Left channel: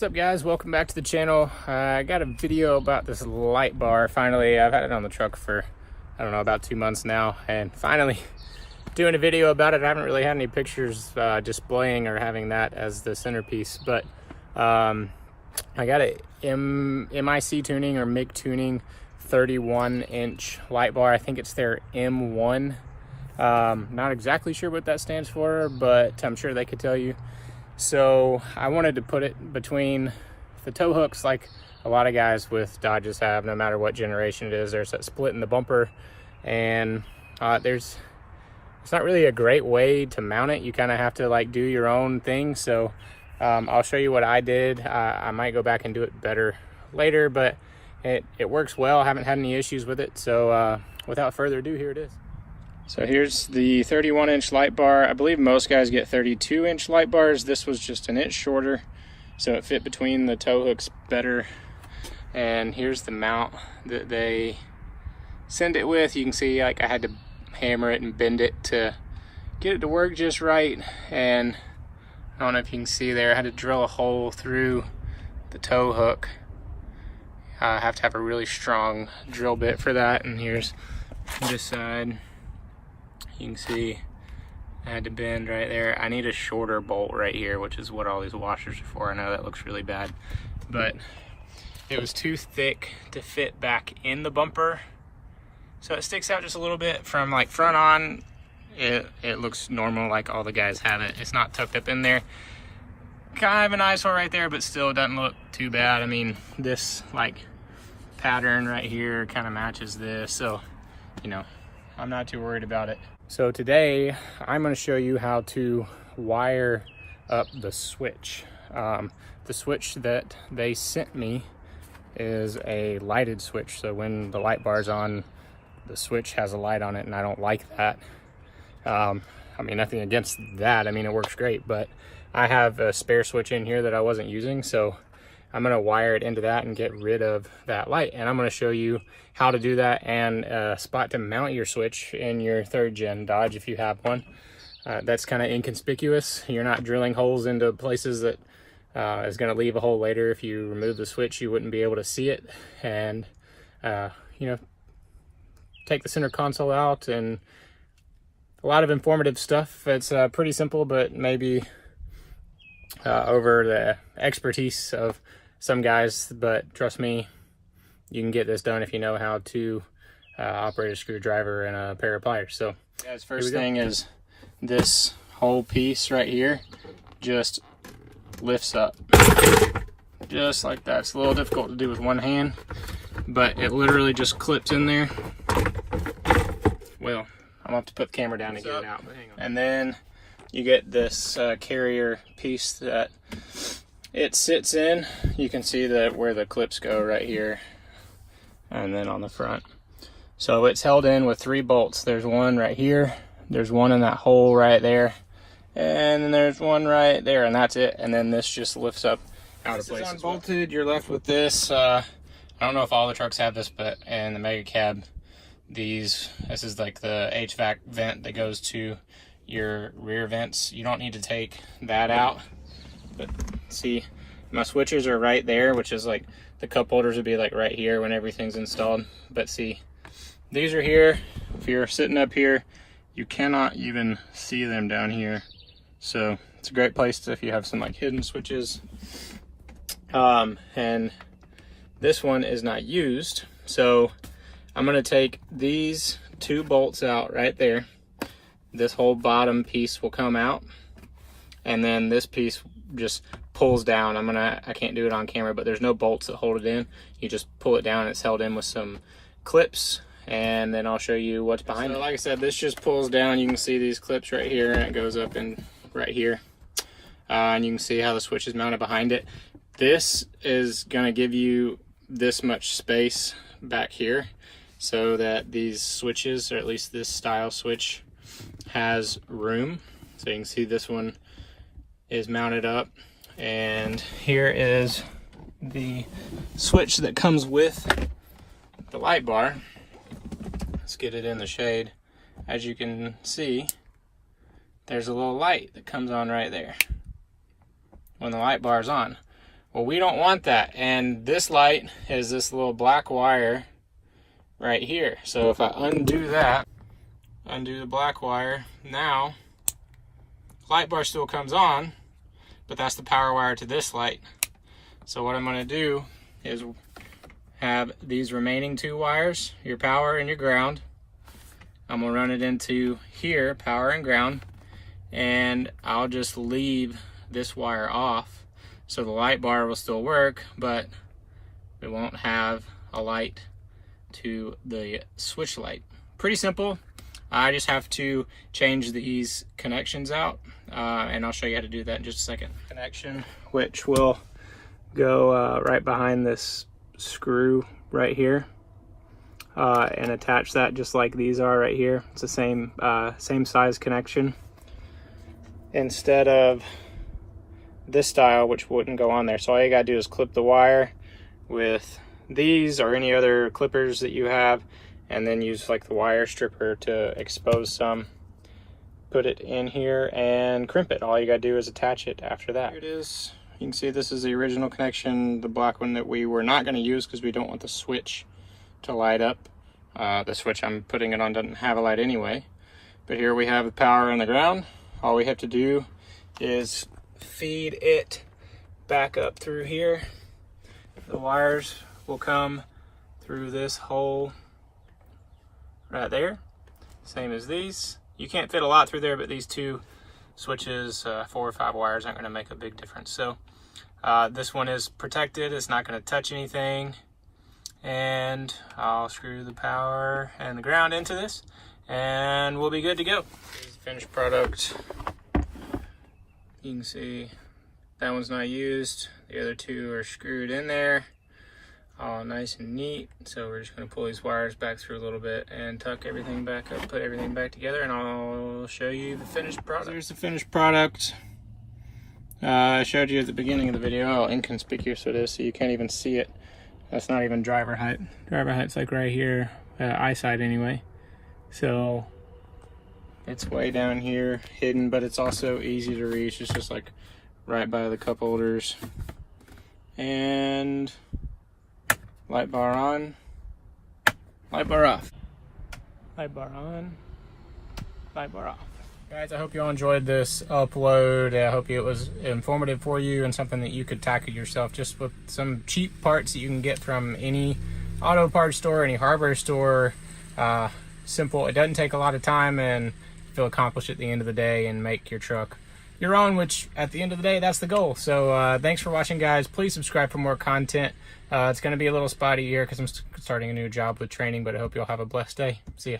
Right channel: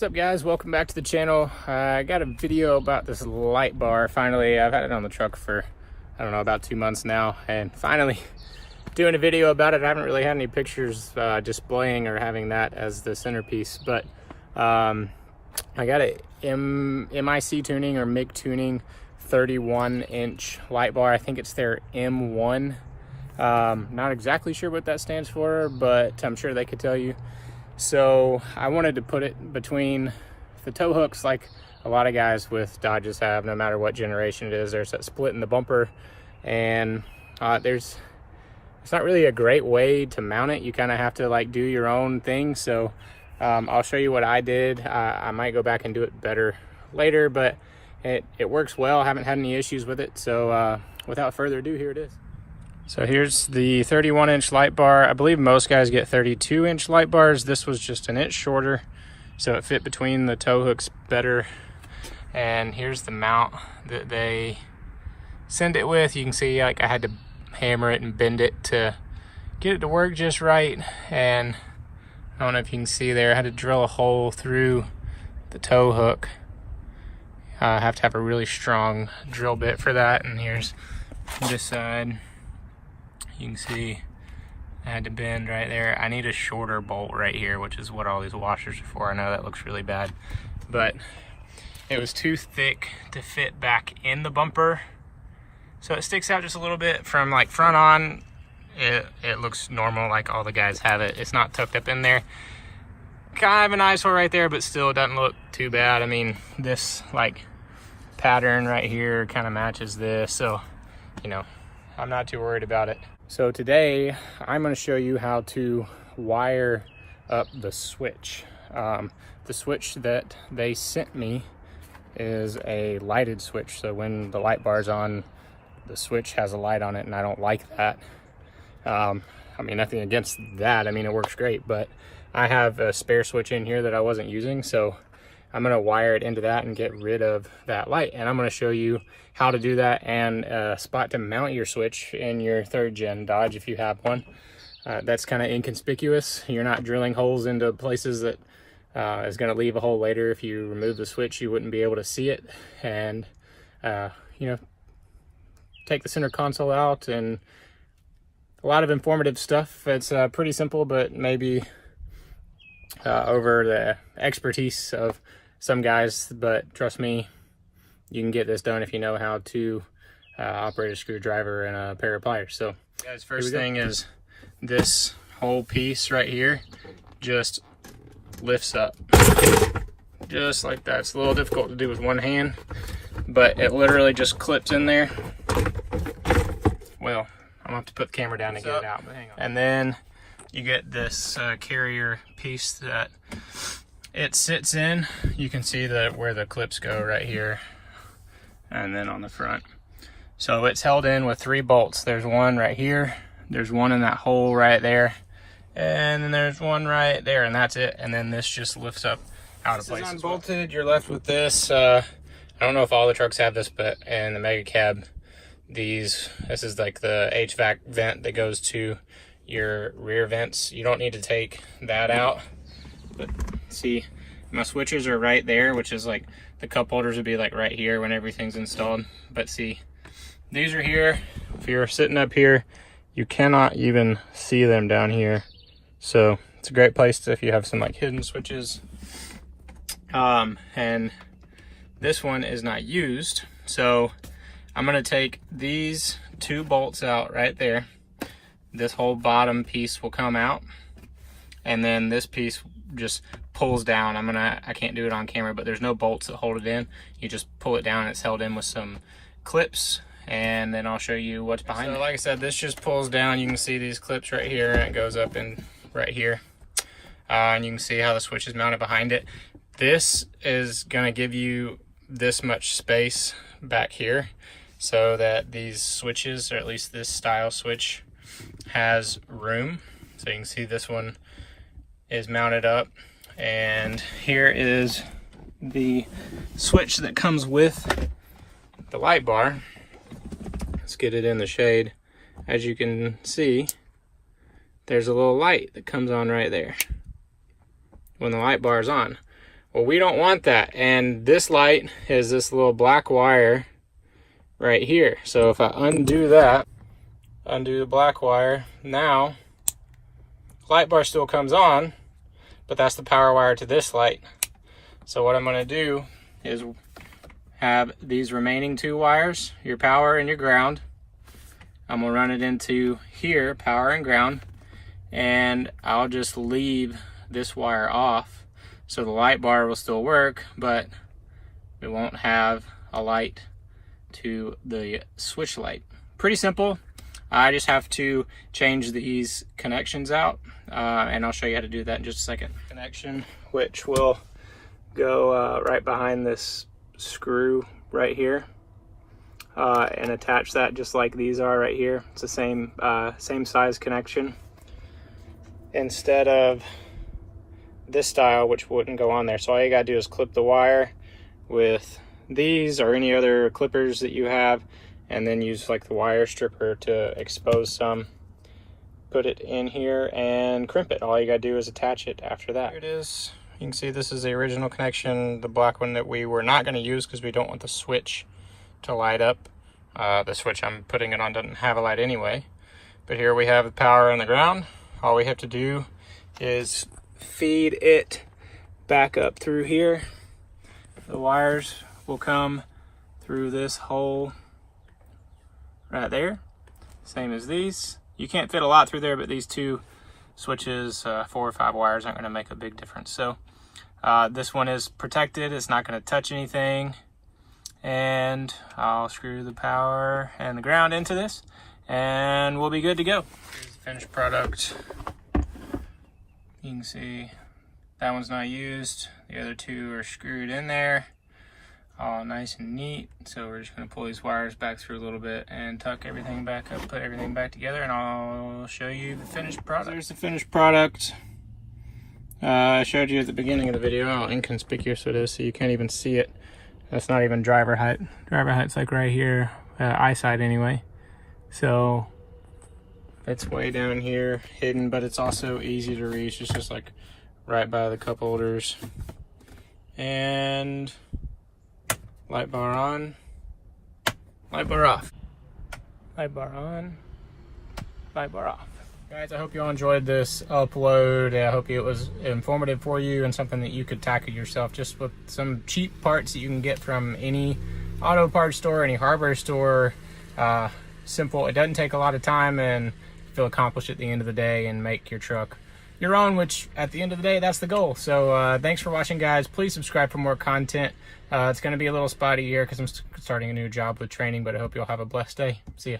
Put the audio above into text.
What's up, guys? Welcome back to the channel. I got a video about this light bar. Finally, I've had it on the truck for, I don't know, about 2 months now, and finally doing a video about it. I haven't really had any pictures displaying or having that as the centerpiece, but I got a MIC tuning or MIG tuning 31-inch light bar. I think it's their M1. Not exactly sure what that stands for, but I'm sure they could tell you. So I wanted to put it between the tow hooks like a lot of guys with Dodges have, no matter what generation it is. There's that split in the bumper, and it's not really a great way to mount it. You kind of have to like do your own thing. So I'll show you what I did. I might go back and do it better later, but it works well. I haven't had any issues with it. So without further ado, here it is. So here's the 31-inch light bar. I believe most guys get 32-inch light bars. This was just an inch shorter, so it fit between the tow hooks better. And here's the mount that they send it with. You can see like I had to hammer it and bend it to get it to work just right. And I don't know if you can see there, I had to drill a hole through the tow hook. I have to have a really strong drill bit for that. And here's this side. You can see I had to bend right there. I need a shorter bolt right here, which is what all these washers are for. I know that looks really bad, but it was too thick to fit back in the bumper. So it sticks out just a little bit from like front on. It looks normal, like all the guys have it. It's not tucked up in there. Kind of an eyesore right there, but still doesn't look too bad. I mean, this like pattern right here kind of matches this. So, you know, I'm not too worried about it. So today I'm going to show you how to wire up the switch. The switch that they sent me is a lighted switch. So when the light bar's on, the switch has a light on it, and I don't like that. I mean, nothing against that. I mean, it works great, but I have a spare switch in here that I wasn't using. So I'm going to wire it into that and get rid of that light. And I'm going to show you how to do that and a spot to mount your switch in your 3rd gen Dodge if you have one. That's kind of inconspicuous. You're not drilling holes into places that is going to leave a hole later. If you remove the switch, you wouldn't be able to see it. And, you know, take the center console out, and a lot of informative stuff. It's pretty simple, but maybe over the expertise of some guys, but trust me, you can get this done if you know how to operate a screwdriver and a pair of pliers. So guys, first thing is this whole piece right here just lifts up just like that. It's a little difficult to do with one hand, but it literally just clips in there. Well, I'm gonna have to put the camera down to get it out, but hang on. And then you get this carrier piece that it sits in. You can see that where the clips go right here, and then on the front. So it's held in with 3 bolts. There's one right here, there's one in that hole right there, and then there's one right there, and that's it. And then this just lifts up out of place. This is unbolted. You're left with this. I don't know if all the trucks have this, but in the Mega Cab, this is like the HVAC vent that goes to your rear vents. You don't need to take that out, but see, my switches are right there, which is like the cup holders would be like right here when everything's installed. But see, these are here. If you're sitting up here, you cannot even see them down here. So it's a great place to, if you have some like hidden switches. And this one is not used. So I'm gonna take these 2 bolts out right there. This whole bottom piece will come out, and then this piece just pulls down. I can't do it on camera, but there's no bolts that hold it in. You just pull it down and it's held in with some clips, and then I'll show you what's behind it. So like I said, this just pulls down. You can see these clips right here, and it goes up in right here. And you can see how the switch is mounted behind it. This is gonna give you this much space back here so that these switches, or at least this style switch, has room. So you can see this one is mounted up, and here is the switch that comes with the light bar. Let's get it in the shade. As you can see, there's a little light that comes on right there when the light bar is on. Well, we don't want that. And this light is this little black wire right here. So if I undo that, undo the black wire, now light bar still comes on, but that's the power wire to this light. So what I'm gonna do is have these remaining 2 wires, your power and your ground. I'm gonna run it into here, power and ground, and I'll just leave this wire off. So the light bar will still work, but we won't have a light to the switch light. Pretty simple. I just have to change these connections out, and I'll show you how to do that in just a second. Connection, which will go right behind this screw right here, and attach that just like these are right here. It's the same size connection. Instead of this style, which wouldn't go on there. So all you gotta do is clip the wire with these or any other clippers that you have, and then use like the wire stripper to expose some. Put it in here and crimp it. All you gotta do is attach it after that. Here it is. You can see this is the original connection, the black one that we were not gonna use because we don't want the switch to light up. The switch I'm putting it on doesn't have a light anyway. But here we have the power and the ground. All we have to do is feed it back up through here. The wires will come through this hole right there, same as these. You can't fit a lot through there, but these 2 switches, 4 or 5 wires aren't going to make a big difference. So this one is protected, it's not going to touch anything, and I'll screw the power and the ground into this and we'll be good to go. Here's the finished product. You can see that one's not used. The other 2 are screwed in there, all nice and neat. So we're just gonna pull these wires back through a little bit and tuck everything back up, put everything back together, and I'll show you the finished product. So here's the finished product. I showed you at the beginning of the video how inconspicuous it is, so you can't even see it. That's not even driver height. Driver height's like right here, eyesight anyway. So it's way down here, hidden, but it's also easy to reach. It's just like right by the cup holders. And light bar on, light bar off. Light bar on, light bar off. Guys, I hope you all enjoyed this upload. I hope it was informative for you and something that you could tackle yourself, just with some cheap parts that you can get from any auto parts store, any hardware store. Simple, it doesn't take a lot of time, and you'll accomplish it at the end of the day and make your truck your own, which at the end of the day, that's the goal. So thanks for watching, guys. Please subscribe for more content. It's going to be a little spotty here because I'm starting a new job with training, but I hope you'll have a blessed day. See ya.